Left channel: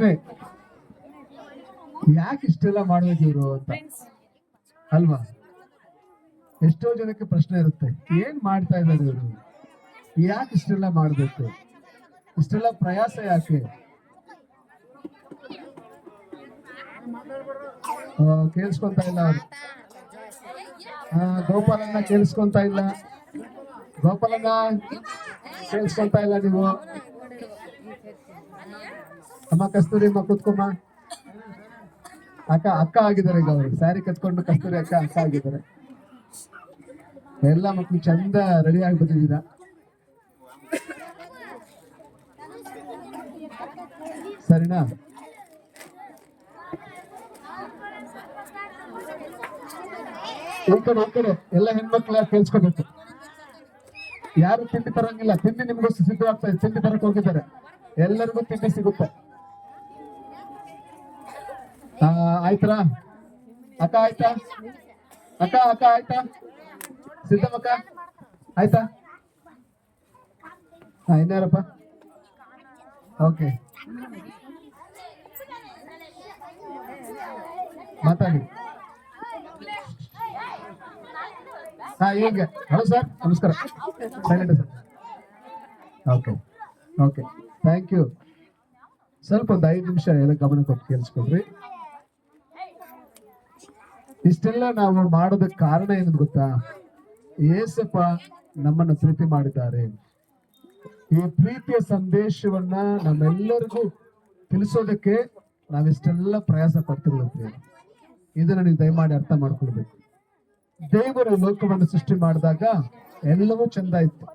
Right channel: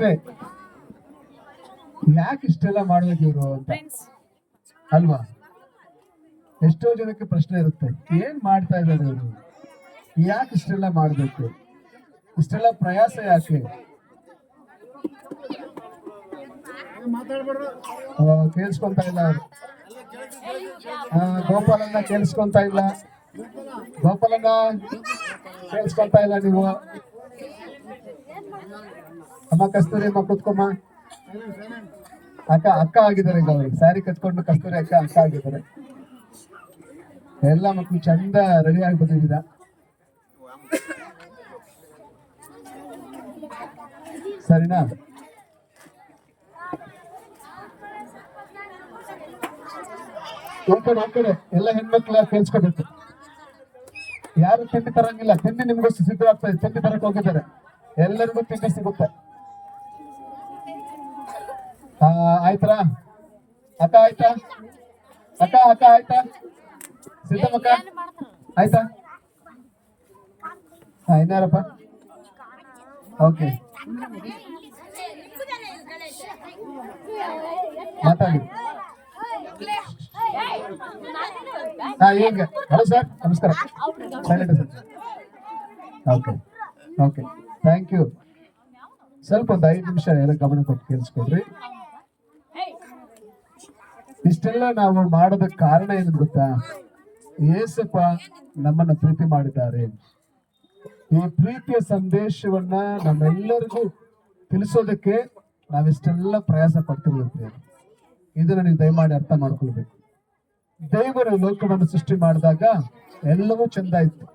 ಪ್ರಶ್ನೆ, ಯಾಕೆ ಇಷ್ಟೆಲ್ಲ ಮಾಡೋದು ಇವರು ಅಂತ ಅಲ್ವಾ? ಎಷ್ಟೋ ಜನಕ್ಕೆ ಪ್ರಶ್ನೆ ಇರುತ್ತೆ, ಏನ್ ಮಾಡ್ತಾ ಇದ್ದಾರೆ ಇವರು, ಯಾಕೆ ಇಷ್ಟೆಲ್ಲ ಮಾಡ್ಬೇಕು, ಇಷ್ಟೆಲ್ಲ ಪ್ರಯಾಸ ಯಾಕೆ? ಕೇಳಿಸ್ಕೊಂತ ಇಲ್ಲ ಗೋಪಾಲನ್ನ ಕೇಳಿಸ್ಕೊಂತ ಇಲ್ಲ, ಗೋಪಾಲನ್ನ ಕೇಳಿಸ್ಕೊಂತ ಇಲ್ಲ ನೀವು. ಅಮ್ಮ ಕಸ್ತೂರಿ ಅಮ್ಮ ಕೂತ್ಕೊಮ್ಮ. ಅಕ್ಕ ಆಗಿದ್ದಾರೆ, ಈಗ ಅವರು ಸ್ಯಾರಿ ಕಟ್ಕೊಂಡು ಕಸ್ತೂರಿ ಅಕ್ಕ ಆಗಿದ್ದಾರೆ. ಎಲ್ಲ ಮಕ್ಕಳು ಚಂದ ರೆಡಿ ಆಗಿ ಬಂದಿದ್ದೀರ. ಸರಿನಾ? ಹೋಗ್ತಾರೆ ಎಲ್ಲ ಹೆಣ್ಮಕ್ಳ ಕೇಳಿಸ್ಕೋಬೇಕು. ಯಾರು ತಿಂಡಿ ತರಂಗಿಲ್ಲ, ತಿಂಡಿ ನಿಮ್ಗೋಸ್ಕರ ಸಿದ್ಧವಾಗ್ತಾ ಇದೆ, ತಿಂಡಿ ತರಕ್ ಹೋಗಿದ್ದಾರೆ, ಎಲ್ಲರಿಗೂ ತಿಂಡಿ ಸಿಗುತ್ತೆ. ಆಯ್ತಾ ಅಕ್ಕ? ಆಯ್ತಾ ಅಕ್ಕ ಆಯ್ತಾ? ಸಿದ್ದಮ್ಮಕ್ಕ ಆಯ್ತಾ? ಇನ್ನಾರಪ್ಪ? ಓಕೆ, ಮಾತಾಡಿ. ಈಗ ಹಲೋ ಸರ್, ನಮಸ್ಕಾರ. Okay okay, thank you. ಸ್ವಲ್ಪ ಒಂದು 5 ನಿಮಿಷ ಎಲ್ಲ ಗಮನ ಕೊಟ್ಟು ಕೇಳಿಸ್ಕೊಡ್ರಿ. ಇಷ್ಟೆಲ್ಲ ನಾವು ಮಾಡೋದಕ್ಕೆ ಕಾರಣ ಏನು ಗೊತ್ತಾ? ಏಸಪ್ಪ ನಮ್ಮನ್ನ ಪ್ರೀತಿ ಮಾಡಿದ್ದಾರೆ. ಈ ಪ್ರೀತಿಯ ಸಂದೇಶವನ್ನ ನಮ್ಮೆಲ್ಲರಿಗೂ ತಿಳಿಸೋದಕ್ಕೆ ನಾವಿಷ್ಟೆಲ್ಲ ಪ್ರಯಾಸ ಪಡ್ತಿರ್ಬೇಕು. ಇದನ್ನು ನೀವು ದಯಮಾಡಿ ಅರ್ಥ ಮಾಡ್ಕೊಳ್ಬೇಕು. ದೇವರು ಲೋಕವನ್ನು ಸೃಷ್ಟಿ ಮಾಡಿದಾಗ ಎಲ್ಲವೂ ಚಂದ ಇತ್ತು.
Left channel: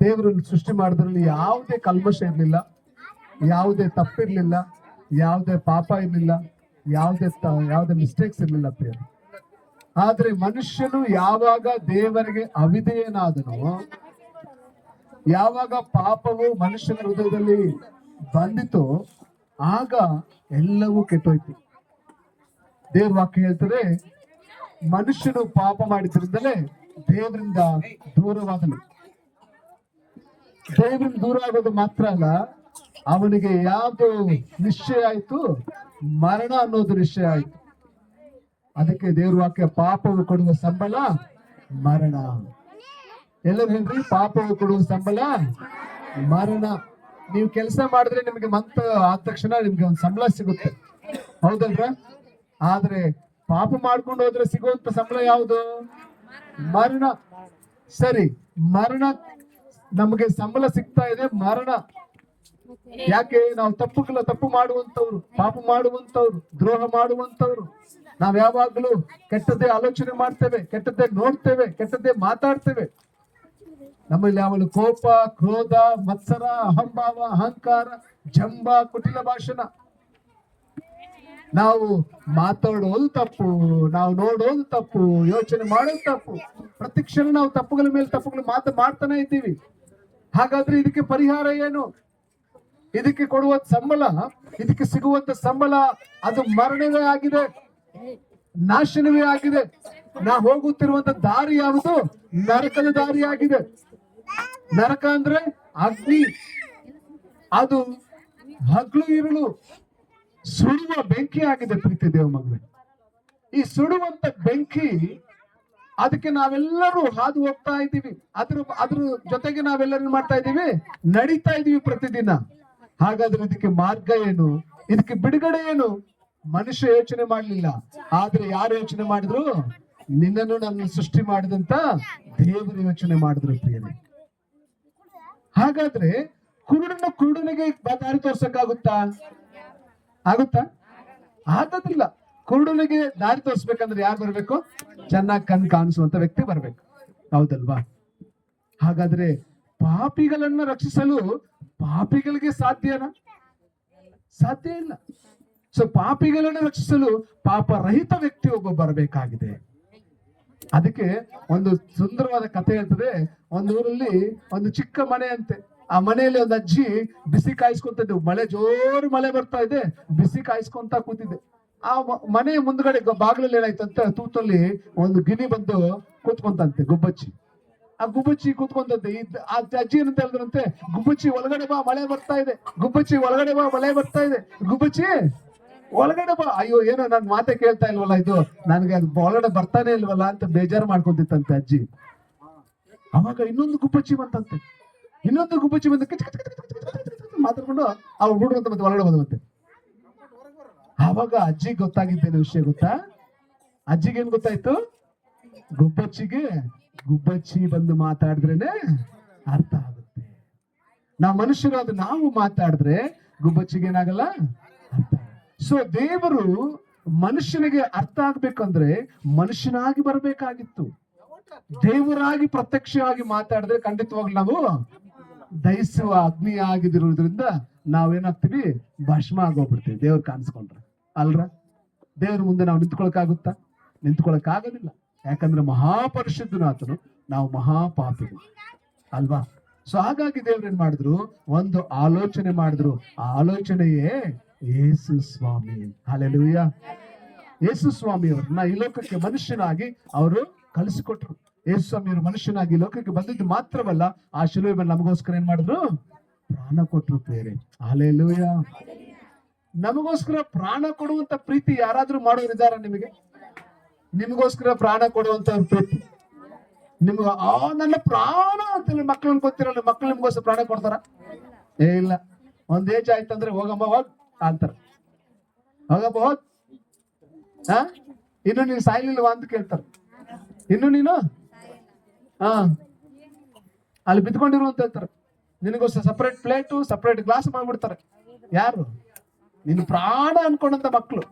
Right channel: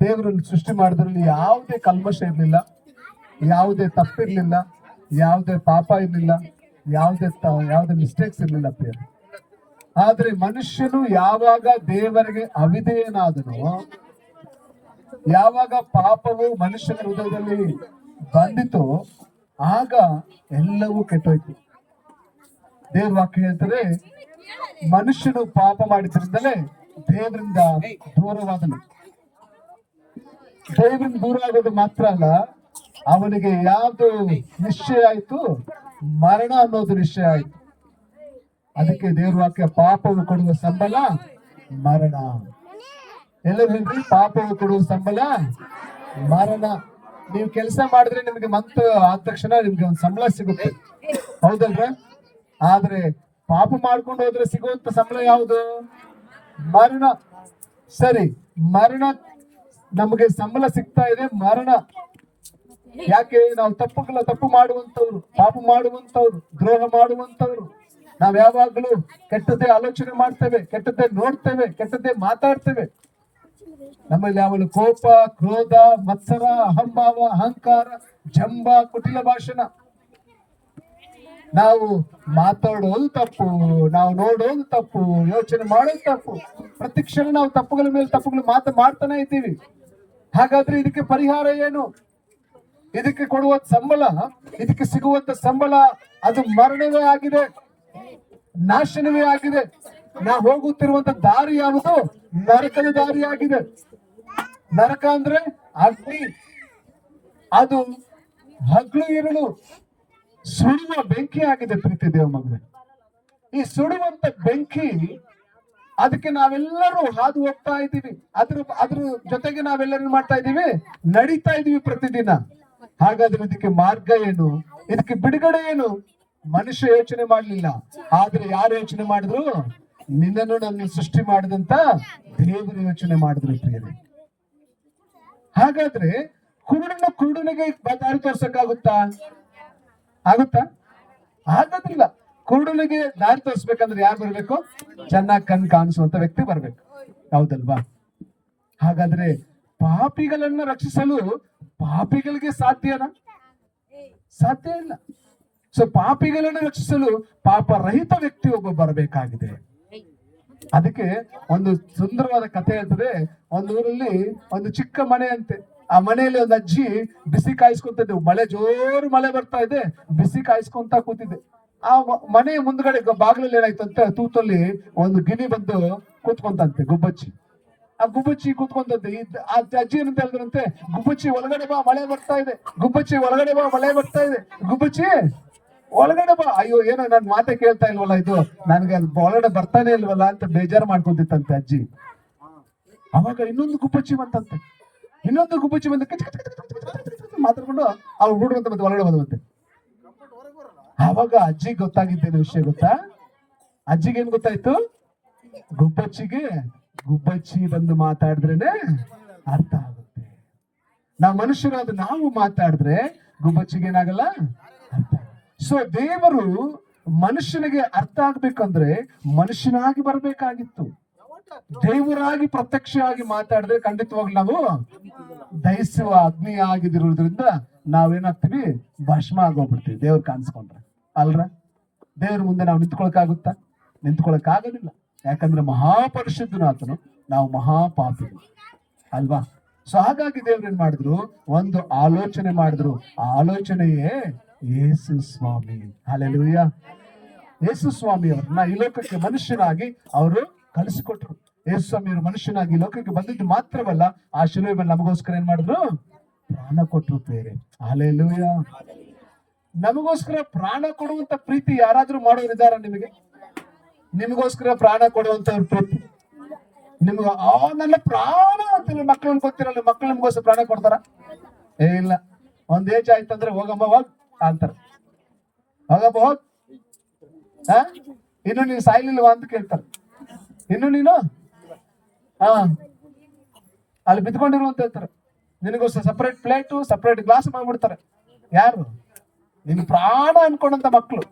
ದೇವರನ್ನು ಸೃಷ್ಟಿ ಮಾಡಿದ್ರಲ್ಲಿ ಯಾವುದೇ ಕಲ್ಮಶ ಇರಲಿಲ್ಲ, ಯಾವುದೇ ತಪ್ಪಿರ್ಲಿಲ್ಲ, ಯಾವುದೇ ಪಾಪ ಇರಲಿಲ್ಲ, ಯಾವುದೇ ಮಿಸ್ಟೇಕ್ಸ್ ಇರಲಿಲ್ಲ. ಆದ್ರೆ ಮನುಷ್ಯನು ಯಾವಾಗ ದೇವರಿಗೆ ಅವಿಧೇಯನಾದನೋ, ಯಾವಾಗ ಪಾಪವು ಮನುಷ್ಯನ ಹೃದಯದಲ್ಲಿ ಬಂದಿತೋ, ಆಗ ಎಲ್ಲವೂ ಕೆಟ್ಟೋಯ್ತು. ದೇವ್ರ ವಾಕ್ಯ ಹೇಳ್ತಾರೆ, ಮನುಷ್ಯನು ಪಾಪ ಮಾಡಿದ್ರಿಂದಲೇ ದೇವರಿಂದ ದೂರವಾದನು. ದೇವರಿಂದ ದೂರ ಆಗೋದು ಮಾತ್ರ ಅಲ್ಲ, ಅವನಿಗೆ ಯಾವ್ದು ನಿಶ್ಚಯ ಆಯ್ತು? ಮರಣ ಅನ್ನೋದು ನಿಶ್ಚಯ ಆಯ್ತು. ಅದಕ್ಕೆ ದೇವ್ರ ವಾಕ್ಯ, ಪಾಪವು ಕೊಡುವ ಸಂಬಳ ಮರಣ. ಎಲ್ಲರೂ ಹೇಳ್ರಿ, ಪಾಪವು ಕೊಡುವ ಸಂಬಳ ಮರಣ. ನೀವು ಕೆಲಸ ಮಾಡಿದ್ರೆ ನಿಮ್ಗೆ ಮಂತ್ ಆದ ತಕ್ಷಣ ನಿಮ್ಗೆ ಒಂದು ಸಂಬಳ ಸಿಗುತ್ತೆ, ಹೌದಲ್ವ? ಆದ್ರೆ ಪಾಪ ಮಾಡ್ಕೊಂಡು ಹೋದ್ರೆ ಸಿಗುವಂತ ಸಂಬಳ ಯಾವುದು? ಮರಣ. ಸರಿ, ಮರಣ ನಮಗೆ ಸಂಬಳ ಸಿಗ್ತಾ ಇದೆ, ಮರಣ. ಯಾಕೆ? ನಾವು ತಪ್ಪು ಮಾಡುವಂತವ್ರು, ಪಾಪ ಮಾಡುವಂತವ್ರು, ದ್ರೋಹ ಮಾಡುವಂತವ್ರು. ನಾವ್ ಯಾವಾಗ್ಲೂ ಕೆಟ್ಟದ್ದೇ ಆಲೋಚನೆ ಮಾಡ್ತೇವೆ, ಕೆಟ್ಟದ್ದೇ ನೋಡ್ತೇವೆ, ಕೆಟ್ಟದ್ದೇ ಮಾತಾಡ್ತೇವೆ. ನಮ್ಮಲ್ಲಿ ಯಾವಾಗಲೂ ಕೋಪ, ಕ್ರೋಧ, ಮತ್ಸರ, ಅಹಂಭಾವ, ಅಹಂಕಾರ, ಜಂಬ, ಕುಟಿಲ ಭಾಷಣ. ನಾವು ಮಾತಾಡೋದು ತಪ್ಪು, ನಾವು ನೋಡೋದು ತಪ್ಪು, ಯೋಚನೆ ಮಾಡೋದು ತಪ್ಪು. ಪ್ರತಿ ಕ್ಷಣ ನಾವು ತಪ್ಪುಗಳ ಮೇಲೆ ತಪ್ಪುಗಳು ಮಾಡ್ತಾನೆ ಇದ್ದೀವಿ. ಹಾಗಾದ್ರೆ ಇದಕ್ಕೆ ಪರಿಹಾರ ಏನು? ಇದಕ್ಕೆ ಕೊಡುವ ಸಂಬಳ, ಇದಕ್ಕೆ ಸಿಗುವಂತ ಸಂಬಳ ಅದು ಮರಣವೇ ಆಗಿದೆ, ನಾಶನವೇ ಆಗಿದೆ. ನಾವು ಹೋಗುತ್ತಿರುವಂತ ದಾರಿ ಯಾವುದು? ನರಕದ ದಾರಿ ಆಗಿದೆ. ನರಕ ಅಂದ್ರೆ ಅಗ್ನಿ, ಅದು ಹಗಲು ಇರಲು ಸುಡುವ ಬೆಂಕಿ ಆಗಿದೆ. ಪ್ರೀತಿ ದೇವ ಮಗನೇ, ಈ ಸುಡುವಂತ ಬೆಂಕಿ, ಅದಕ್ಕೆ ನಾವೆಲ್ಲರೂ ಹಾದು ಹೋಗ್ತಾ ಇದ್ದೀವಿ. ಅದ್ರ ಜೊತೆಗೆ ನಾವೆಲ್ಲರೂ ಮಾಡ್ತಾ ಇದ್ದೀವಿ, ನಡೀತಾ ಇದೀವಿ ಪ್ರತಿದಿನ. ಹಾಗಾದ್ರೆ ಇದಕ್ಕೆ ಮಾರ್ಗ ಏನು? ಇದಕ್ಕೆ ಬಿಡುಗಡೆ ಏನು? ಮನುಷ್ಯ ಯೋಚನೆ ಮಾಡ್ಲಿಲ್ಲ, ಆದ್ರೆ ಯಾರು ಯೋಚನೆ ಮಾಡಿದ್ರು? ನಿನ್ನನ್ನು ನನ್ನ ಸೃಷ್ಟಿ ಮಾಡಿದಂತ ದೇವರು ಯೋಚನೆ ಮಾಡಿದ್ರು ಪ್ರಿಯರೇ. ಹಾಗಾದ್ರೆ ಕುರುಡನಿಗೆ ದಾರಿ ತೋರ್ಸಕ್ಕಾಗುತ್ತಾ? ಆಗೋದಿಲ್ಲ. ಕುರುಡನಿಗೆ ದಾರಿ ತೋರಿಸ್ಬೇಕಂದ್ರೆ ಯಾರು ಬರ್ಬೇಕು? ಚೆನ್ನಾಗಿ ಕಣ್ ಕಾಣಿಸುವಂತ ವ್ಯಕ್ತಿ ಬರ್ಬೇಕು, ಹೌದಲ್ವಾ? ಹಾಗಾದ್ರೆ ಪಾಪಿಗಳನ್ನ ರಕ್ಷಿಸಲು ಪಾಪಿಗಳಿಗೆ ಸಾಧ್ಯನಾ? ಸಾಧ್ಯ ಇಲ್ಲ. ಸೊ ಪಾಪಿಗಳನ್ನು ರಕ್ಷಿಸಲು ಪಾಪ ರಹಿತ ವ್ಯಕ್ತಿ ಒಬ್ಬ ಬರಬೇಕಾಗಿದೆ. ಅದಕ್ಕೆ ಒಂದು ಸುಂದರವಾದ ಕಥೆ ಹೇಳ್ತದೆ. ಒಂದು ಊರಲ್ಲಿ ಒಂದು ಚಿಕ್ಕ ಮನೆ ಅಂತೆ. ಆ ಮನೆಯಲ್ಲಿ ಒಂದು ಅಜ್ಜಿ ಬಿಸಿ ಕಾಯಿಸ್ಕೊಂತಿದ್ದೆ. ಜೋರು ಮಳೆ ಬರ್ತಾ ಇದೆ, ಬಿಸಿ ಕಾಯಿಸ್ಕೊಂತ ಕೂತಿದ್ದೆ. ಆ ಮನೆ ಮುಂದ್ಗಡೆ ಬಾಗಿಲಲ್ಲಿ ಏನಾಯ್ತು ಅಂತ, ತೂತಲ್ಲಿ ಒಂದು ಗಿಣಿ ಬಂದು ಕೂತ್ಕೊಂತಂತೆ, ಗುಬ್ಬಚ್ಚಿ. ಆ ಗುಬ್ಬಚ್ಚಿ ಕೂತ್ಕೊಂಡದ್ದು ಆ ಅಜ್ಜಿ ಏನಂತ ಹೇಳಿದ್ರಂತೆ, ಗುಬ್ಬಚ್ಚಿ ಒಳಗಡೆ ಬಾ ಮಳೆ ಬರ್ತಾ ಇದೆ, ಗುಬ್ಬಚ್ಚಿ ಒಳಗಡೆ ಬಾ ಮಳೆ ಬರ್ತಾ ಇದೆ, ಗುಬ್ಬಚ್ಚಿ ಒಳಗಡೆ ಬಾ. ಅಯ್ಯೋ ಏನೋ ನನ್ ಮಾತೆ ಕೇಳ್ತಾ ಇಲ್ವಲ್ಲ, ಇದು ನನ್ಗೆ ಅದು ಒಳಗಡೆ ಬರ್ತಾನೆ ಇಲ್ವಲ್ಲ ಅಂತ ಬೇಜಾರು ಮಾಡ್ಕೊಂತಿತ್ತಂತೆ ಅಜ್ಜಿ. ಅವಾಗ ಇನ್ನೊಂದು ಗುಬ್ಬಚ್ಚಿ ಬಂತಂತೆ, ಇನ್ನೊಂದು ಗುಬ್ಬಚ್ಚಿ ಬಂದ ಮಾತಾಡ್ಕೊಂಡು ಆ ಹುಡುಗ ಅಂತ ಮತ್ತೆ ಒಳಗಡೆ ಬಂದಂತೆ. ಅವಾಗ ಅಜ್ಜಿಗೆ ಗೊತ್ತಾಗಿದ್ದೇನು ವಿಷಯ ಗೊತ್ತಾ? ಅಜ್ಜಿಗೆ ಏನ್ ಗೊತ್ತಾಯ್ತು? ಗುಬ್ಬಚ್ಚಿಗೆ ಗುಬ್ಬಚ್ಚಿ ಬಂದು ಮಾತಾಡಿದ್ರೇನೆ ಅರ್ಥ ಆಗುತ್ತೆ. ನಾವು ಮನುಷ್ಯರಾದ ನಾವು ಮಾತಾಡಿದ್ರೆ ಗುಬ್ಬಚ್ಚಿಗೆ ಏನಾಗಲ್ಲ, ಅರ್ಥ. ಸೊ ದೇವರು ಮನುಷ್ಯನಿಗೆ ಅರ್ಥ ಆಗ್ಬೇಕಂದ್ರೆ ಮನುಷ್ಯನಾಗಿ ಬರ್ಬೇಕಾಗಿತ್ತು. ದೇವರಾಗಿ ಪ್ರತ್ಯಕ್ಷವಾಗಿ ಮಾತಾಡಿದ್ರೆ ಖಂಡಿತವಾಗ್ಲೂ ನಾವು ದಹಿಸುವ ಅಗ್ನಿ ಆಗಿದಿರೋದ್ರಿಂದ ನಾವೇನಾಗ್ತೀವಿ, ಭಸ್ಮ ಆಗೋಗ್ಬಿಡ್ತೀವಿ ದೇವ್ರು ಕಾಣಿಸ್ಕೊಂಡ್ರೆ, ಅಲ್ರ? ದೇವ್ರ ಮುಂದೆ ನಾವು ನಿಂತ್ಕೊಳಕ್ಕಾಗುತ್ತಾ? ನಿಂತ್ಕೊಳಕ್ಕಾಗೋದಿಲ್ಲ. ಯಾಕಂದ್ರೆ ಮಹಾಪರಿಶುದ್ಧನಾಥನು, ನಾವು ಮಹಾಪಾಪಿಗಳು ಅಲ್ವಾ? ಸೊ ಹಾಗಾಗಿ ದೇವ್ರು ಏನ್ ಮಾಡಿದ್ರು, ಒಂದು ಆಲೋಚನೆ ಮಾಡಿದ್ರು. ಆ ಆಲೋಚನೆಯೇ ಯೇಸು ಸ್ವಾಮಿ. ಹಲ್ಲೆಲೂಯಾ. ಯೇಸು ಸ್ವಾಮಿ ಅವ್ರನ್ನ ಈ ಲೋಕಕ್ಕೆ ಮನುಷ್ಯನಾಗಿ ಅವರು ಕಲಿಸಿಕೊಟ್ರು. ಯೇಸು ಸ್ವಾಮಿಯವರು ಮನುಷ್ಯನಾಗಿ ಲೋಕಕ್ಕೆ ಬಂದಿದ್ದು ಮಾತ್ರವಲ್ಲ, ಆ ಶಿಲುಬೆ ಮೇಲೆ ನಮಗೋಸ್ಕರ ಏನ್ ಮಾಡಿದ್ರು, ಪ್ರಾಣ ಕೊಟ್ಟರು ಬೇರೆ. ಹಲ್ಲೆಲೂಯಾ. ನಮಗೋಸ್ಕರ ಪ್ರಾಣ ಕೊಡುವಂತ ಪ್ರೀತಿ ಯಾರಾದ್ರೂ ಮಾಡೋರಿದ್ದಾರ? ನಿಮಗೋಸ್ಕರ ಪ್ರಾಣ ಕೊಡುವಂತ ಪ್ರೀತಿ ನಿಮ್ಗ ನನ್ನ ಪ್ರಾಣ ಅಂತ ಮಕ್ಕಳನ್ನ ಗೊತ್ತಿರಲ್ಲ, ಮಕ್ಕಳು ನಿಮ್ಗೋಸ್ಕರ ಪ್ರಾಣ ಕೊಡ್ತಾರ? ಇಲ್ಲ. ಒಂದ್ ಏಜ್ ಆಯ್ತಂದ್ರೆ ಹೋಗಮ್ಮ ಹೋಗ್ ಅಂತಾರ, ಹೋಗಮ್ಮ ಹೋಗ್, ಇನ್ನು ನೀನು ಸಾಯ್ಲಿಲ್ವಾ ಅಂತ ಕೇಳ್ತಾರ. ಇನ್ನು ನೀನು ಅಲ್ಲಿ ಬಿದ್ಕೊಂಡಿರುವಂತ ಹೇಳ್ತಾರೆ. ನಿನಗೋಸ್ಕರ ಸಪರೇಟ್ ಪ್ಲೇಟು ಸಪರೇಟ್ ಗ್ಲಾಸ್ ಮಾಡ್ಬಿಡ್ತಾರೆ. ಯಾರು? ನಿನ್ ಪ್ರಾಣ ಅನ್ಕೊಂಡಂತ ಮಕ್ಕಳು,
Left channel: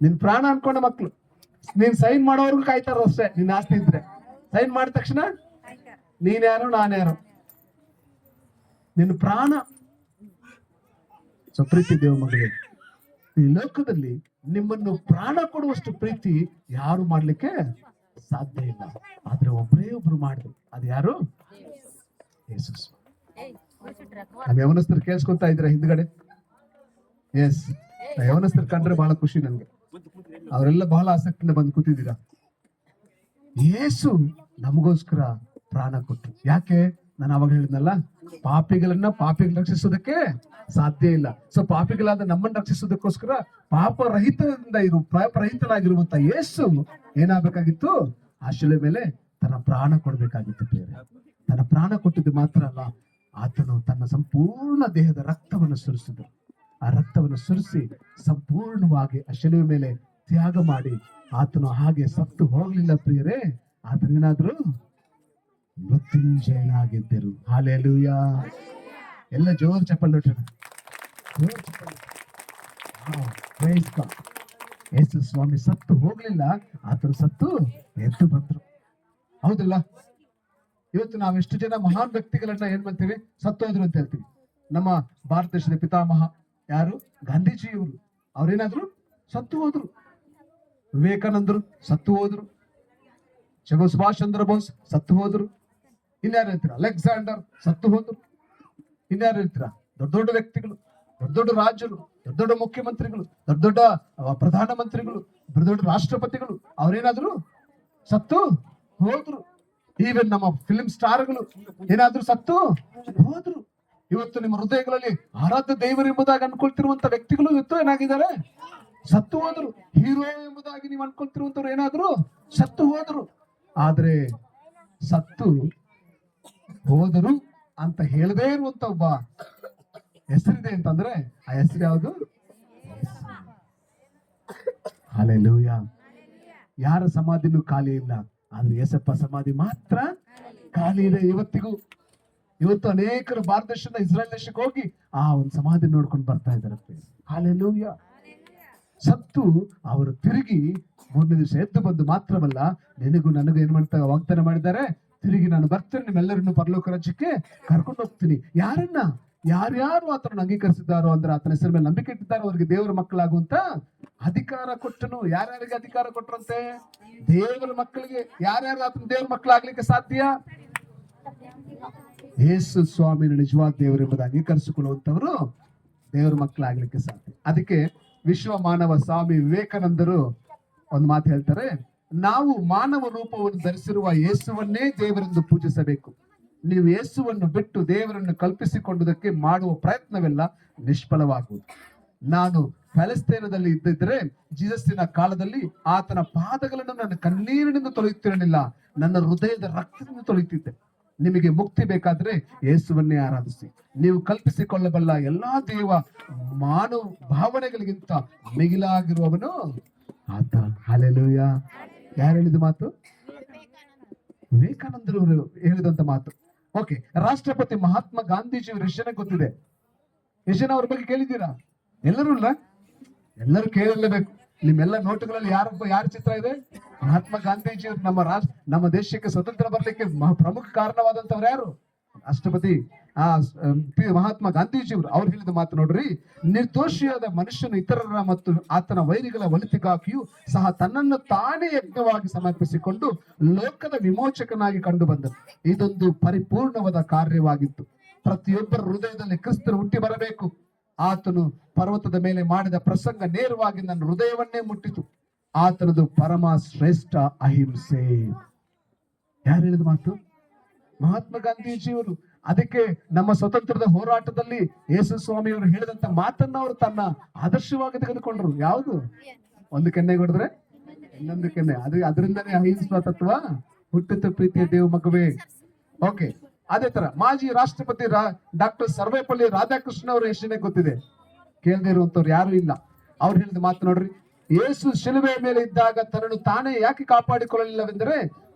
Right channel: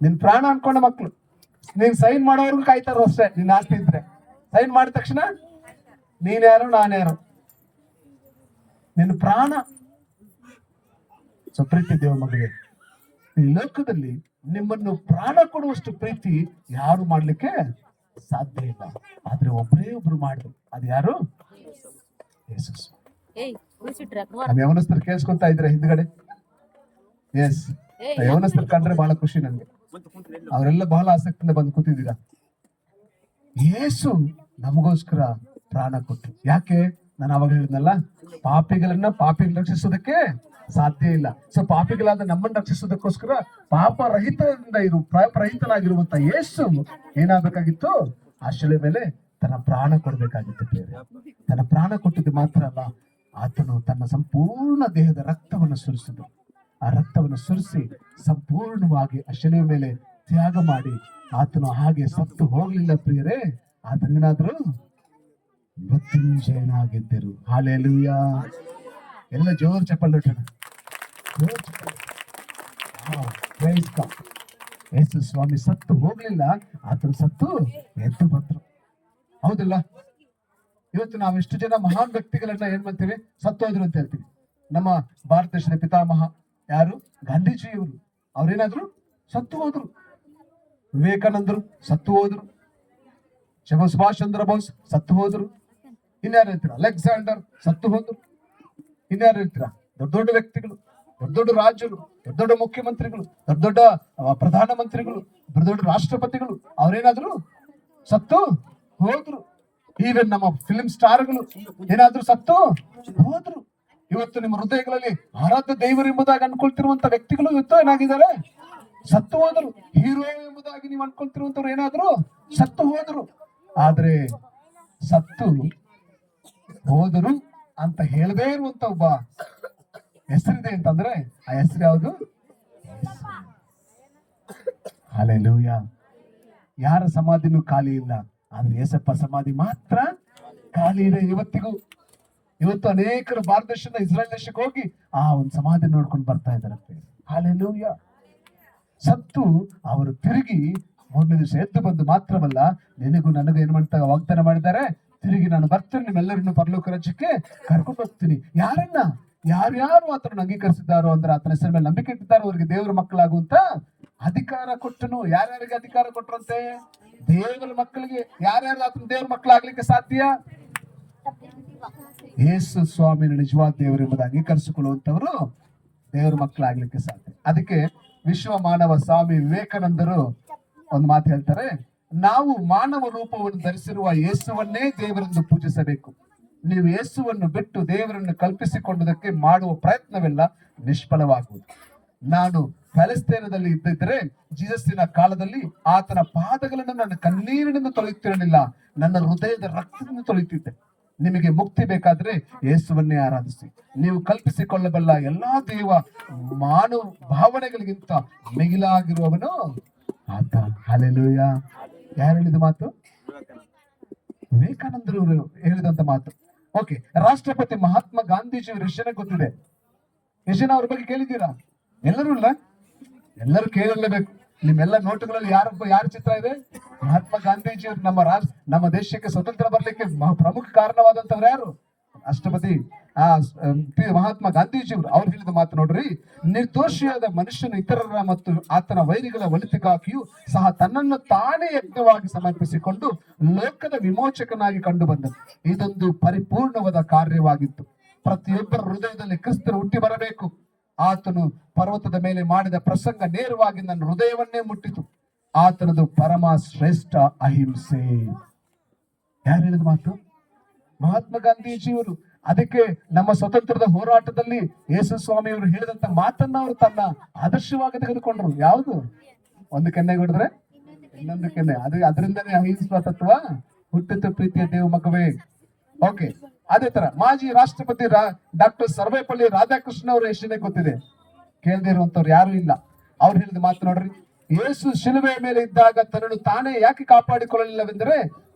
ನಿನ್ ಪ್ರಾಣ ಅನ್ಕೊಂಡ ಮಕ್ಕಳು. ನೀನ್ ಸೈನ್ ಮಾಡೋರ್ಗು ಕಾಯ್ತಾರ ಅಷ್ಟೇ. ನೀನ್ ಆಸ್ತಿ ಇದ್ರೆ ಸೈನ್ ಮಾಡಿದ ತಕ್ಷಣ ನೀನ್ಯಾರು ನಾನ್ಯಾರು, ನಿನ್ ಪ್ರಾಣ. ಸೊ ಪ್ರೀತಿ ದೇವ ಮಗಳಿಗೆ, ಈ ಲೋಕದಲ್ಲಿ ನಿಮ್ಮನ್ನು ಪ್ರಾಣ ಕೊಡುವಷ್ಟು ಪ್ರೀತಿ ಯಾರು ಮಾಡ್ಲಿಕ್ಕೆ ಸಾಧ್ಯ ಇಲ್ಲ. ಆದ್ರೆ ಒಬ್ಬರೇ ಒಬ್ರು ಮಾಡಿದ್ರು, ಅದು ಯಾರು? ಯೇಸು. ಯವನಸ್ಥರು ಕೇಳಿಸ್ಕೊತಾ ಇದ್ರೆ ಹಿಂದ್ಗಡೆ, ಎಸ್, ಯವನಸ್ಥರು ಕಂಡ್ರೆ ಬಹಳ ಖುಷಿ ನನ್ಗೆ. ಅವರೆಲ್ಲ ಬಹಳ ಆಸಕ್ತಿಯಿಂದ ಬಂದು ಕೂತಿದ್ದೀರಾ. ಯೇಸು ನಮಗೋಸ್ಕರ ಪ್ರಾಣ ಕೊಟ್ಟು, ಯಾಕೆ? ನಾನು ಅವಾಗ ಹೇಳಿದ್ನಲ್ಲ, ಪಾಪಿಗಳನ್ನ ರಕ್ಷಿಸೋದಕ್ಕೆ ಸಾಧ್ಯ ಇಲ್ಲ. ಸೊ ಪಾಪಿಗಳಾದ ನಮ್ಮನ್ನು ರಕ್ಷಿಸೋದಕ್ಕೋಸ್ಕರ ಪಾಪರಹಿತನಾಗಿರುವಂತ ಯೇಸು ಏನಾಗಬೇಕಾಗಿತ್ತು? ಆ ಶಿಲೆ ಮೇಲೆ ತನ್ನ ಪ್ರಾಣ ಕೊಡ್ಬೇಕಾಗಿತ್ತು. ತನ್ನ ಪ್ರಾಣ ಕೊಟ್ಟಿದ್ದು ಮಾತ್ರ ಅಲ್ಲ, ಆತನು ತನ್ನ ಸಂಪೂರ್ಣ ದೇಹದ ರಕ್ತವನ್ನು ಸುರಿಸಿದ್ದು. ಆ ರಕ್ತವನ್ನು ಸುರಿಸಿ ಸಂಪೂರ್ಣವಾಗಿ ಆ ಶಿಲೆ ಮೇಲೆ ತ್ಯಾಗ ಮಾಡಿ ಆತನು ಹಾಗೆ ಸತ್ತು ಹೋಗಲಿಲ್ಲ ಪ್ರಿಯರೇ. ಆತನೇನಾದ್ರು ಮೃತ್ಯುಂಜಯನಾಗಿದ್ದರು. ಹಲ್ಲೆಲೂಯಾ. ಎಲ್ಲ ಜೋರ್ ಚಪ್ಪಲ್ ಯೇಸು ಸ್ವಾಮಿ ಸತ್ತು ಹೋಗ್ಲಿಲ್ಲ, ಆತನು ಸತ್ತು ಎದ್ದು ಬಂದ್ರು. ಹೌದಿಲ್ಲ? ಇವತ್ತು ನಾವು ಇಷ್ಟು ಜನ ಮಹಾನ್ ವ್ಯಕ್ತಿಗಳನ್ನ ಏನ್ ಮಾಡ್ತೀವಿ, ಸತ್ತೋದ್ರು ಅಂತ ಹೇಳ್ತೀವಿ. ನಮ್ಮ ಭಾರತ ದೇಶದ ಪಿತಾಮಹ ಯಾರು? ಗಾಂಧೀಜಿಯವರು. ಅವ್ರೇನಾದ್ರು ಸತ್ತು ಹೋದ್ರು. ವಿವೇಕಾನಂದರು ಸತ್ತು ಹೋದ್ರು. ಸುಭಾಷ್ ಚಂದ್ರ ಬೋಸ್ ಸತ್ತು ಹೋದ್ರು. ಇನ್ಯಾರು ಹೇಳ್ತೀರಾ? ಅಲೆಕ್ಸಾಂಡರ್ ಸತ್ತು ಹೋದ್ರು. ಇನ್ಯಾರು ಹೇಳ್ತೀರಾ? ದೊಡ್ಡ ದೊಡ್ಡ ವ್ಯಕ್ತಿಗಳು, ದೊಡ್ಡ ದೊಡ್ಡ ರಾಜ್ಯರು, ದೊಡ್ಡ ದೊಡ್ಡ ಮುಖ್ಯಮಂತ್ರಿಗಳು, ದೊಡ್ಡ ದೊಡ್ಡ ಪ್ರಧಾನಮಂತ್ರಿಗಳು, ದೊಡ್ಡ ದೊಡ್ಡ ರಾಷ್ಟ್ರಪತಿಗಳು ಅವ್ರೇನಾದ್ರು ಸತ್ತು ಹೋದ್ರು. ಈವನ್ ನಮ್ಮ ಫಿಲ್ಮ್ ಸ್ಟಾರ್ಗಳು ಏನಾದ್ರು ಸತ್ತು ಹೋದ್ರು. ಇವತ್ತು ನಿಮ್ಮ ಹೃದಯಗಳಲ್ಲಿ ಆರಾಧ್ಯ ದೇವರು ಎಂಬುದಾಗಿ ಅನ್ಕೊಳ್ತಿರುವಂತ ವ್ಯಕ್ತಿಗಳು ಇವತ್ತು ಏನಾಗಿದ್ದಾರೆ? ಸತ್ತು ಹೋದ್ರು. ಹೀರೋ ಎಂಬುದಾಗಿ ನೀವು ಅನ್ಕೊಳ್ತಿರುವಂತವ್ರು ಏನಾದ್ರು ಸತ್ತು ಹೋದ್ರು. ಆದ್ರೆ ಸತ್ತು ಹೋದರು ಅಂತ ಹೇಳದೇ ಇರುವಂತ ಒಬ್ಬ ಹೆಸರಿದೆ ಅಂತಂದ್ರೆ ಆ ಹೆಸರು ಯಾವುದು? ಹಲ್ಲೆಲೂಯಾ. ಯಾರ ಸಮಾಧಿನೂ ಖಾಲಿ ಇಲ್ಲ, ಆದ್ರೆ ಯೇಸಪ್ಪ ಸಮಾಧಿ ಮಾತ್ರ ಖಾಲಿ ಇದೆ ಇವತ್ತಿಗೂ. ಇವತ್ತು ಅನೇಕರು ಭಾರತ ದೇಶದ ಇಸ್ರಾಯೇಲ್ ದೇಶಕ್ಕೆ ಹೋಗಿ ಆ ಒಂದು ಸಮಾಧಿ ನೋಡ್ಕೊಂಡು ಬರ್ತಾ ಇದ್ದಾರೆ. ಹಲ್ಲೆಲೂಯಾ. ಸತ್ತು ಅವರು ತಿರುಗಿ 3ನೇ ದಿವಸ ಎದ್ದು ಬಂದು ಮಾತ್ರವಲ್ಲ, ನಿನಗೂ ನನಗೂ ಏನ್ ಮಾಡ್ತಾ ವಾಗ್ದಾನ ಮಾಡಿದ್ದಾರೆ, ತಿರುಗಿ ನಾನು ಬರ್ತೇನೆ, ನಿಮ್ಮೆಲ್ಲರನ್ನು ಪರಲೋಕ ರಾಜ್ಯಕ್ಕೆ ಕರ್ಕೊಂಡು ಹೋಗ್ತೀನಿ. ಯಾರನ್ನ? ಯಾರ್ಯಾರು ಆತನನ್ನು ಅಂಗೀಕರಿಸಿದ್ದಾರೋ ಅಂದ್ರೆ ಆತನ ಹೆಸರ ಮೇಲೆ ನಂಬಿಕೆ ಇಟ್ಟಿದ್ದಾರೋ ಅವರಿಗೆ ದೇವರ ಮಕ್ಕಳಾಗುವಂತ ಅಧಿಕಾರ ಕೊಟ್ಟನು. ಯಾರ್ಯಾರಿಗೆ ಅಧಿಕಾರ ಕೊಟ್ಟರಂತೆ? ದೇವರ ಮಕ್ಕಳಿಗೆ. ಯಾರ್ಯಾರು ಆತನ ದೇವರ ಮಕ್ಕಳಾಗ್ಲಿಕ್ಕೆ ಸಾಧ್ಯ? ಯೇಸು ಸ್ವಾಮಿ ನಿಜವಾದ ದೇವರು ಎಂಬುದು ಅಂಗೀಕರಿಸಿಕೊಳ್ಳುವಂತವರು ದೇವರ ಮಕ್ಕಳಾಗ್ಲಿಕ್ಕೆ ಸಾಧ್ಯ. ಅದಕ್ಕೆ ವಿಶ್ವ ಮಾನವ ಸ್ವಾಮಿ ವಿವೇಕಾನಂದರು ಒಂದು ಮಾತು ಹೇಳ್ತಾರೆ, ನಾವು ಮಾನವ ರೂಪವನ್ನು ಧರಿಸಿರುವ ಯೇಸುವನ್ನೇ ದೇವರೆಂದು ಪೂಜಿಸಬೇಕು. ನೀವು ಯೇಸುವನ್ನು ಬಿಟ್ಟು ದೇವರನ್ನು ಕಲ್ಪಿಸಿಕೊಂಡುದಕ್ಕೆ ಮಾಡುವ ಪ್ರಯತ್ನವೆಲ್ಲ ನಿಷ್ಫಲವಾಗುವುದು. ನಾನು ಪ್ಯಾಲೆಸ್ತೇನದಲ್ಲಿ ಇದ್ದಿದ್ರೆ ಜೀಸಸ್ಸಿನ ಕಾಲದಲ್ಲಿ ಆತನ ಪಾದಗಳನ್ನು ನನ್ನ ಕಣ್ಣೀರಿನಿಂದ ತೊಳೆಯುತ್ತಿರಲಿಲ್ಲ, ನನ್ನ ಹೃದಯದ ರಕ್ತದಿಂದ ತೊಳೆಯುತ್ತಿದ್ದೆ. ನಿಮಗೆ ಮುಕ್ತಿ ಬೇಕಾದ್ರೆ ಯೇಸುವನ್ನೇ ಆರಾಧಿಸಿ. ನೀವು ಕಲ್ಪಿಸಿಕೊಳ್ಳಬಲ್ಲ ಎಲ್ಲಾ ದೇವ ಮಾನವ ಭಾವನೆಗಳಿಗಿಂತ ಮಿಗಿಲಾಗಿರುವವನು ಆತ. ಹಲ್ಲೆಲೂಯ. ಯಾರು ಹೇಳಿದ ಮಾತು? ವಿವೇಕಾನಂದರು ಹೇಳಿದಂತ ಮಾತು. ಓಕೆ, ರಾಷ್ಟ್ರಪತಿ ಮಹಾತ್ಮ ಗಾಂಧೀಜಿಯವರು ಯಶನ ಗೊತ್ತಿದೆ. ಯಶನ ಅವ್ರ ಬಗ್ಗೆ ಕೇಳಿದ್ದೀರಾ? ಎಲ್ಲರೂ ಇಲ್ಲ, ಎಲ್ಲರೂ ಕೇಳಲೇಬೇಕು. ನಿಮ್ಮೆಲ್ಲ ನೋಟುಗಳಲ್ಲಿ ಯಾರ ಚಿತ್ರ ಇದೆ? ಮಹಾತ್ಮ ಗಾಂಧೀಜಿಯವರು. ನಮ್ಮ ದೇಶಕ್ಕೆ ಸ್ವತಂತ್ರ ಬರ್ಲಿಕ್ಕೆ ಪ್ರಮುಖ ಕಾರಣವಾದಂತವ್ರು ಯಾರು? ರಾಷ್ಟ್ರಪತಿ ಮಹಾತ್ಮ ಗಾಂಧೀಜಿಯವರು. ಅವ್ರು ಹೇಳಿದ ಮಾತು ನೋಡ್ರಿ, ನಿರ್ದೋಷಿಯಾದ ಮನುಷ್ಯನು ಇತರರ ಮತ್ತು ಆತನ ವೈರಿಗಳ ಒಳಿತಿಗಾಗಿಯೂ ಸಹ ತನ್ನನ್ನು ತಾನೇ ಯಜ್ಞವಾಗಿ ಸಮರ್ಪಿಸಿಕೊಂಡು ಲೋಕದ ವಿಮೋಚಕನಾಗಿ ಕಂಡು ಬಂದನು. ಇದೊಂದು ಪರಿಪೂರ್ಣವಾದ ಕಾರ್ಯವಾಗಿತ್ತು. ಪ್ರತಿಯೊಬ್ಬರ ಹೃದಯದಲ್ಲಿ ಕ್ರಿಸ್ತರು ಹುಟ್ಟಿ ಬರಬೇಕು. ಆತನು ಪರ್ವತದ ಮೇಲೆ ಮಾಡಿದ ಪ್ರಸಂಗ ನೇರವಾಗಿ ನನ್ನ ಹೃದಯವನ್ನೇ ಮುಟ್ಟಿತು. ಆತನದು ಪರಮ ಶ್ರೇಷ್ಠ ಅಹಿಂಸೆ. ಯಾರು ಹೇಳಿದ ಮಾತು? ಮಹಾತ್ಮ ಗಾಂಧೀಜಿಯವರು. ಅದಕ್ಕೆ ನಮ್ಮ ಸ್ವತಂತ್ರದ ಹೋರಾಟದಲ್ಲಿ ಯೇಸು ಸ್ವಾಮಿಯವರು ಹೇಳಿದಂತ ಮಾತನ್ನ ಅವರು ತನ್ನ ಆದರ್ಶವಾಗಿ ತೆಗೆದುಕೊಂಡ್ರು. ಯಾವುದು? ಒಂದು ಕೆನ್ನೆ ಹೊಡೆದ್ರೆ ಇನ್ನೊಂದು ಕೆನ್ನೆ. ಅದರಿಂದನೇ ಅಹಿಂಸಾ ತತ್ವ ಹುಟ್ಟಿತು ಪ್ರೀತಿಯ ದೇವ ಮಗುವೆ. ಓಕೆ, ಅದೇ ತರ ಮಾಜಿ ರಾಷ್ಟ್ರಪತಿ ಡಾಕ್ಟರ್ ಸರ್ವೇಪಲ್ಲಿ ರಾಧಾಕೃಷ್ಣ ಅವರ ಹೆಸರೇ ಗೊತ್ತಿದೆ. ಕೇಳದೇ ಇರುವಂತವ್ರು ಯಾರು ಇಲ್ಲ. ಅವ್ರು ಹೇಳಿದ ಮಾತು ನೋಡ್ರಿ, ಯೇಸು ಶಿಲುಬೆಯ ಮೇಲೆ ಇದ್ದಾಗ ತನ್ನನ್ನು ತಾನೇ ಯಾಕೆ ಕಾಪಾಡಿಕೊಳ್ಳಲಿಲ್ಲವೆಂದರೆ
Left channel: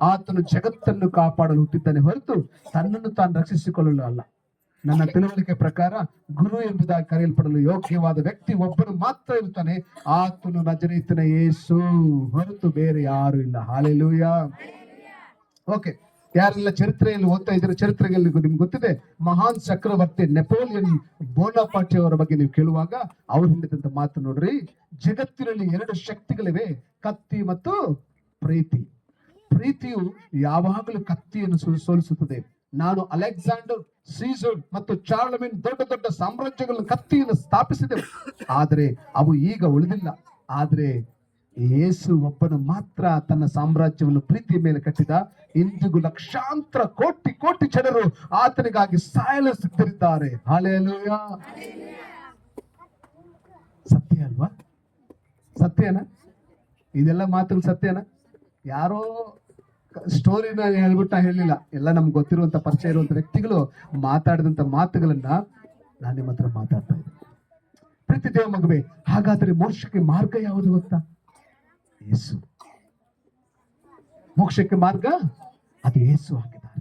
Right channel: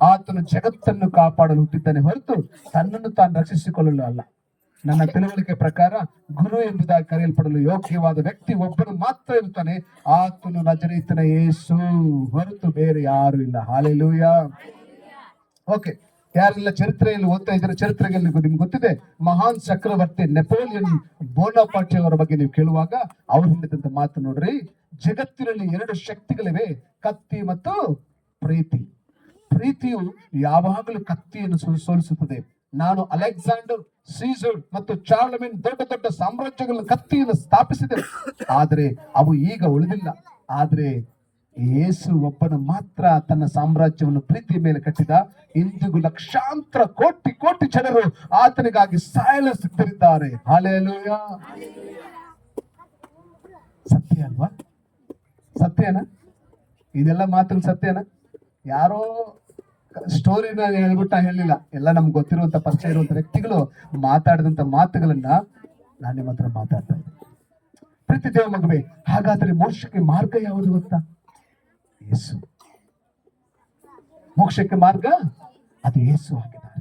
ಆತನು ಜಗತ್ತನ್ನು ಕಾಪಾಡಲು ಹುಟ್ಟಿದ್ದಾನೆ ಹೊರತು ತನ್ನನ್ನು ತಾನು ರಕ್ಷಿಸಿಕೊಳ್ಳಲು ಅಲ್ಲ. ನನ್ನ ತಿಳುವಳಿಕೆ ಪ್ರಕಾರ ಗುರು ಎಂಬುದಾಗಿ ಕರೆಯಲ್ಪಡಲು ಯೋಗ್ಯವಾದ ವ್ಯಕ್ತಿ ಒಬ್ಬನು ಮಾತ್ರ ಇರ್ತಾನೆ. ಆತನು ನಜರೇತಿನ ಯೇಸು ಹೊರತು ಬೇರೆ ಯಾರು ಇಲ್ಲ. ಹಲ್ಲೆಲೂಯ. ಓಕೆ, ಯಾರೆಲ್ಲ ಚರಿತ್ರೆಯಲ್ಲಿ ಓದ್ತಾ ಇದ್ರೆ ಚರಿತ್ರೆಯಲ್ಲಿ ನಿಮ್ಗೆ ಗೊತ್ತಿದೆ, ಮಹಾನ್ ಚಕ್ರವರ್ತಿ ನೆಪೋಲಿಯನ್ ಬೋನಾಪಾರ್ಟಿ ಅವರ ಬಗ್ಗೆ ನೀವು ಕೇಳುವಾಗ ಅವ್ರು ಹೇಳಿದಂತ ಮಾತು ನೋಡ್ರಿ, ಜಗತ್ತಿನಲ್ಲಿ 2 ಶಕ್ತಿಗಳಿವೆ, ಕತ್ತಿ ಮತ್ತು ಪ್ರೀತಿ. ಪ್ರೀತಿಯು ಯಾವಾಗಲೂ ಕತ್ತಿಯನ್ನು ಸೋಲಿಸುತ್ತದೆ. ನಾನು ಅಲೆಕ್ಸಾಂಡರ್, ಸೀಸರ್ ಮತ್ತು ಚಾರ್ಲಮೆನ್ ದೊಡ್ಡ ದೊಡ್ಡ ಸಾಮ್ರಾಜ್ಯಗಳನ್ನು ಕತ್ತಿಯನ್ನು ಸ್ಥಾಪಿಸಿದೆ, ಆದರೆ ಅವು ಈಗ ಉಳಿದಿಲ್ಲ. ಆದ್ರೆ ಯೇಸು ಒಬ್ಬನು ಮಾತ್ರ ತನ್ನ ಸಾಮ್ರಾಜ್ಯವನ್ನು ಪ್ರೀತಿಯ ಮೇಲೆ ಕಟ್ಟಿದ. ಇಂದಿಗೂ ಲಕ್ಷಾಂತರ ಕೋಟಿ ಜನರು ಆತನಿಗಾಗಿ ಸಾಯಲು ಸಿದ್ಧರಿದ್ದಾರೆ. ಹಲ್ಲೆಲೂಯ. ಸತ್ಯ ಅಲ್ವಾ? ಸತ್ಯನ? ಇದೆಲ್ಲ ಮಾತುಗಳು ಸತ್ಯನ? ಯಾರೋ ಸ್ಟೋರಿನ ಹೇಳ್ಬಿಟ್ಟು ಹೇಳಿಲ್ಲ. ಎಲ್ಲ ನಮ್ಗೆ ಗೊತ್ತಿರುವಂತ ಪರಿಚಯ ಇರುವಂತ ವ್ಯಕ್ತಿಗಳು ಮಾತಾಡಿದಂತ ಮಾತುಗಳನ್ನ ನಾನು ನಿಮ್ಮ ಹತ್ರ ಮಾತಾಡ್ತಾ ಇದ್ದೀನಿ. ಪ್ರೀತಿ ದೇವ ಮಗುವೆ, ಹಾಗಾದ್ರೆ ಮೋಕ್ಷಕ್ಕೆ ಮಾರ್ಗ ಯಾವುದು ಗೊತ್ತಾ? ಯೇಸು. ಮೋಕ್ಷಕ್ಕೆ ಮಾರ್ಗ ಅದು ಯೇಸು ಆಗಿದ್ದಾರೆ.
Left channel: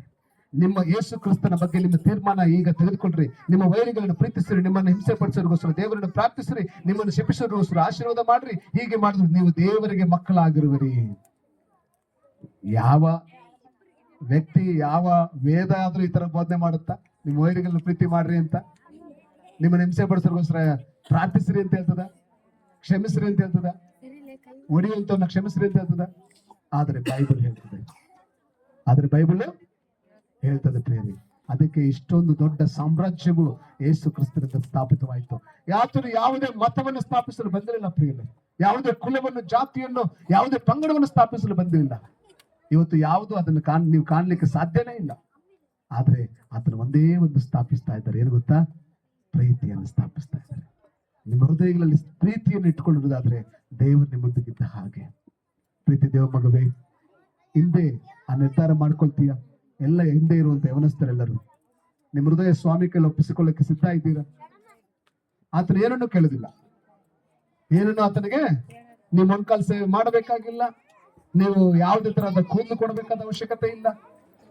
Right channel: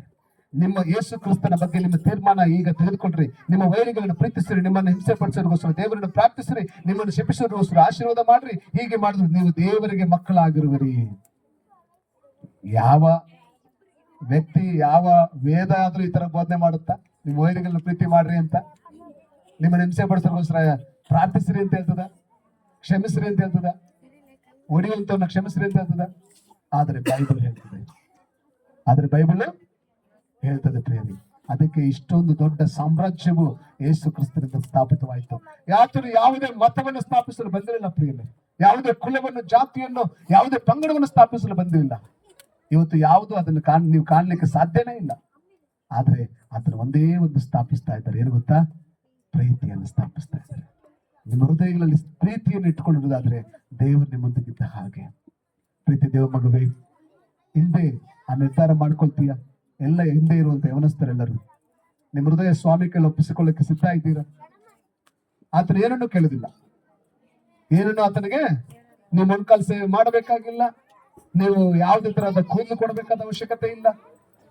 ನಿಮ್ಮ ಯೇಸು ಕ್ರಿಸ್ತನ ಬಗ್ಗೆ ನಿಮ್ಮ ತೀರ್ಮಾನ ಈಗ ತೆಗೆದುಕೊಂಡ್ರಿ. ನಿಮ್ಮ ವೈರಿಗಳನ್ನು ಪ್ರೀತಿಸಿರಿ, ನಿಮ್ಮನ್ನು ಹಿಂಸೆ ಪಡಿಸೋರಿಗೋಸ್ಕರ ದೇವರನ್ನು ಪ್ರಾರ್ಥಿಸಿರಿ, ನಿಮ್ಮನ್ನು ಶಪಿಸೋರಿಗೋಸ್ಕರ ಆಶೀರ್ವಾದ ಮಾಡ್ರಿ. ಹೀಗೆ ಮಾಡಿದ್ರೆ ನೀವು ದೇವರಿಗೆ ಮಕ್ಕಳಾಗಿರುವಿರಿ. ಯಾವ ವ್ಯಕ್ತಿ, ಯಾವ ವೇದ ಆದ್ರೂ ಈ ತರ ಬೋಧನೆ ಮಾಡುತ್ತಾ ನಿಮ್ಮ ವೈರಿಗಳನ್ನು ಪ್ರೀತಿ ಮಾಡ್ರಿ ಅಂತ? ನಿಮ್ಮನ್ನು ಹಿಂಸೆ ಪಡಿಸೋರಿಗೋಸ್ಕರ ಪ್ರಾರ್ಥಿಸಿರಿ ಅಂತ ಹೇಳ್ತದ? ಕ್ಷಮಿಸ್ರಿ ಅಂತ ಹೇಳ್ತದ? ಒಡೆಯುವಂತವನ್ನ ಕ್ಷಮಿಸ್ರಿ ಅಂತ ಹೇಳ್ತದ? ಆದ್ರೆ ಬೈಬಲ್ ಹೇಳ್ತದೆ ಪ್ರಿಯರೇ. ಅದಕ್ಕೆ ಇಷ್ಟೊಂದು ದೊಡ್ಡ ಸಾಮ್ರಾಜ್ಯವು ಯೇಸು ಕ್ರಿಸ್ತನಿಂದ ಸ್ಥಾಪಿತವಾಯಿತು. ಯಾತನು ಯಾವುದೇ ಮತವನ್ನು ಸ್ಥಾಪಿಸಲು ಬಂದಿರಲಿಲ್ಲ ಪ್ರಿಯರೇ. ಯಾವುದೇ ಕುಲವನ್ನು, ಜಾತಿಯನ್ನು, ಯಾವುದೇ ಪಂಗಡವನ್ನು ಸ್ಥಾಪಿಸಲು ಬಂದಿಲ್ಲ. ಇವತ್ತು ಯಾವುದು ಅದನ್ನು ನೀವು ಕಾಣಲಿಕ್ಕೆ ಸಾಧ್ಯನೇ ಇಲ್ಲ. ಆದ್ರೆ ಅದನ್ನು ಒಂದೇ ಒಂದು ಸ್ಥಾಪಿಸ್ತಾ ಇದ್ದಾರೆ. ಏನು ಗೊತ್ತಾ? ಪ್ರೀತಿಯನ್ನು ಸ್ಥಾಪಿಸ್ತಾ ಇದ್ದಾರೆ. ನಿಮ್ಮ ಹೃದಯಗಳಲ್ಲಿ ಪ್ರೀತಿಯನ್ನು ಇಟ್ಕೊಳ್ಳುವುದಾದ್ರೆ ದೇವರು ನಿಮ್ಮೊಂದಿಗಿದ್ದ ಹಾಗೆ. ಪ್ರೀತಿ ದೇವ ಮಗುವೆ, ಹಿಂದೆ ಆ ನಿರ್ಧಾರ ಮಾಡ್ಕೊಳ್ತೀಯ? ಎಲ್ಲ ಹಿಂದೆ ಇರುವಂತ ಯವನಸ್ಥರೆಲ್ಲರೂ ನಿಮ್ಮ ಹೃದಯ ಸ್ವಾಮಿ ಕೈಲಿ ಒಪ್ಪಿಸಿಕೊಳ್ಳಕ್ಕೆ ಸಿದ್ಧ ಇದ್ದೀರಾ? ಆತನ ಏನನ್ನು ಕೇಳುದಿಲ್ಲ. ಏನನ್ನು ಆತನಿಗೆ ನೀವು ಮೊಣಕಾಲು ಸೇವೆ ಮಾಡಬೇಕಾಗಿಲ್ಲ. ನೀವು ಯಾವುದೇ ತರಹದ ಕೂದಲು ಕೊಡಬೇಕಾದ ಅವಶ್ಯಕತೆ ಇಲ್ಲ.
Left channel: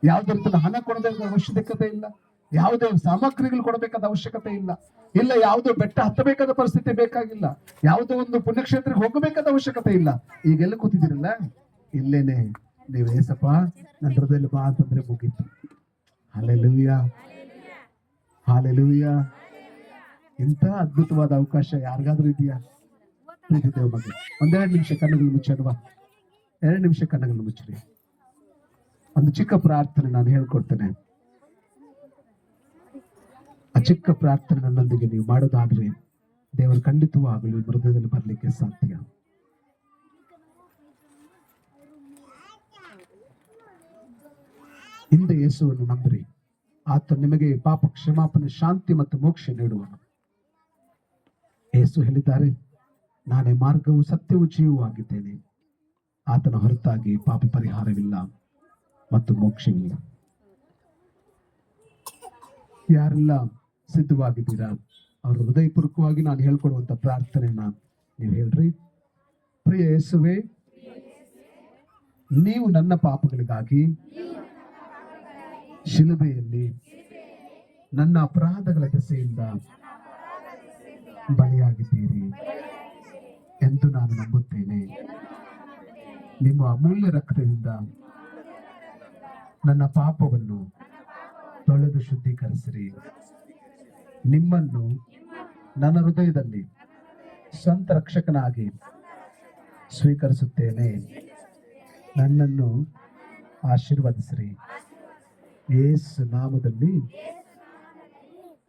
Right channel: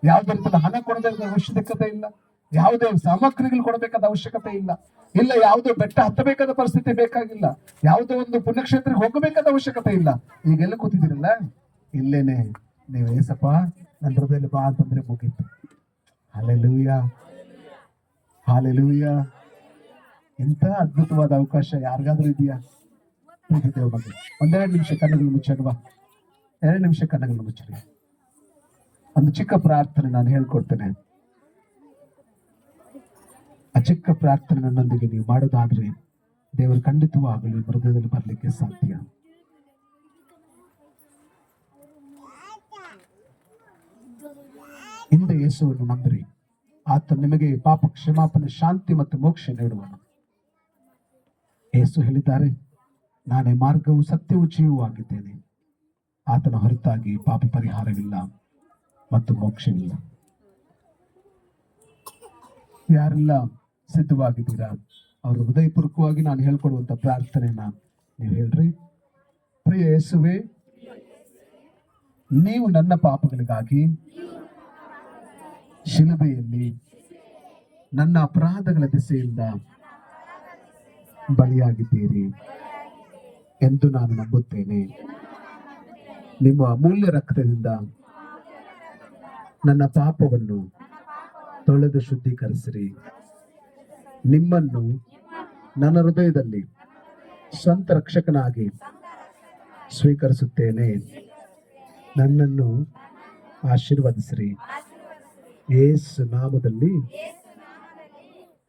ಯಾವುದೇ ತರದ ಹಣ ಕೊಡಬೇಕಾದ ಅವಶ್ಯಕತೆ ಇಲ್ಲ. ಯಾವುದೇ ಸಾಮಗ್ರಿಗಳು ಕೊಡಬೇಕಾದ ಅವಶ್ಯಕತೆ ಇಲ್ಲ. ಇಲ್ಲ ಯಾವುದೋ ಬೆಟ್ಟ ಹತ್ತಬೇಕಾದ ಪರಿಸ್ಥಿತಿ ಬೇಕಾಗಿಲ್ಲ. ಯಾವುದೋ ಒಂದು ಪುಣ್ಯಕ್ಷೇತ್ರಕ್ಕೆ ಹೋಗಬೇಕಾದ ಅವಶ್ಯಕತೆ ಇಲ್ಲ. ಈಗೆಲ್ಲ ಕೂತಿದ್ದೀರಲ್ಲ, ಇಲ್ಲೇನೆ ನೀವು ಏಸಪ್ಪ ನನ್ನ ಹೃದಯದಲ್ಲಿ ಬಾ ಅಂತಂದ್ರೆ ಮುಗೀತು. Hallelujah, hallelujah. ಇಂಥ ಅದ್ಭುತವಾದ ಅವಕಾಶ ಯಾರಿಗಾದ್ರೂ ಇದೆಯಾ? ಬಗ್ಗೆ 2 ನಿಮಿಷ ಕಣ್ಣುಗಳು ಮುಚ್ಚಲ್ವಾ? 2 ನಿಮಿಷ ಕಣ್ಣುಗಳು ಮುಚ್ಚಲಿ. ಒಂದು ಚಿಕ್ಕ ಪ್ರಾರ್ಥನೆ ನಾನು ಹೇಳ್ಕೊಡ್ತೇನೆ. ಆ ಚಿಕ್ಕ ಪ್ರಾರ್ಥನೆ ನನ್ನೊಂದಿಗೆ ನೀವು ಮಾಡೋದಾದ್ರೆ ದೇವರು ಖಂಡಿತವಾಗಲಿ ಹೃದಯದಲ್ಲಿ ಬರಲಿಕ್ಕೆ ಸಾಧ್ಯ. ಹಿಂದೆ ಯೇಸುವನ್ನು ನಂಬಿರಿ, ಆತ ನಿಮಗೆ ಪಾಪ ಕ್ಷಮಾಪಣೆ, ಶಾಂತಿ ಮತ್ತು ಮೋಕ್ಷ ನೀಡುವನು. ಯೇಸು ಹೇಳಿದ್ದಾರೆ, ನಾನೇ ಮಾರ್ಗವು ಸತ್ಯವೂ ಜೀವವೂ ಆಗಿದ್ದೇನೆ. ಆತನ ಹೊರತಾಗಿ ಪಾಪ ಪರಿಹಾರವಿಲ್ಲ ಮತ್ತು ಮೋಕ್ಷವಿಲ್ಲ. ಯಾರೆಲ್ಲ ಸಿದ್ಧವಾಗಿದ್ದೀರಾ ಅವರು ಹೃದಯಪೂರ್ವಕವಾಗಿ ನಾನು ಹೇಳ್ಕೊಡುವಂತ ಪ್ರಾರ್ಥನೆಯನ್ನ ನೀವು ಹೇಳ್ರಿ. ಪ್ರಿಯ ಯೇಸುವೆ, ನೀವು ನನ್ನ ಪಾಪಗಳಿಗಾಗಿ ಶಿಲುಬೆಯಲ್ಲಿ ನನ್ನ ಅಪರಾಧಗಳ ದೆಸೆಯಿಂದ ಬಲಿಯಾಗಿದ್ದೀರಿ ಎಂದು ನಾನು ನಂಬುತ್ತೇನೆ. ನಿಮ್ಮ ಅಮೂಲ್ಯ ರಕ್ತದಿಂದ ನನ್ನ ಪಾಪವನ್ನು ತೊಳೆದು ಶುದ್ಧೀಕರಿಸಿರಿ. ನಿಮ್ಮನ್ನು ನನ್ನ ಹೃದಯದಲ್ಲಿ ಸ್ವಂತ ರಕ್ಷಕನಾಗಿ ಸ್ವೀಕರಿಸುತ್ತೇನೆ. ನನ್ನನ್ನು ಆಶೀರ್ವದಿಸಿರಿ. ಯೇಸು ನಾಮದಲ್ಲಿ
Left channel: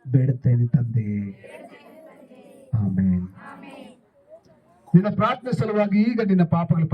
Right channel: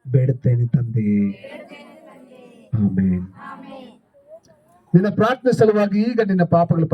ಬೇಡುತ್ತೇನೆ ತಂದೆ, ಆಮೆನ್. ನಿನ್ನ ಪ್ರಾರ್ಥನೆ ಸಲುವಾಗಿ ಈಗ ನಿನ್ನ ಪಾಪಗಳ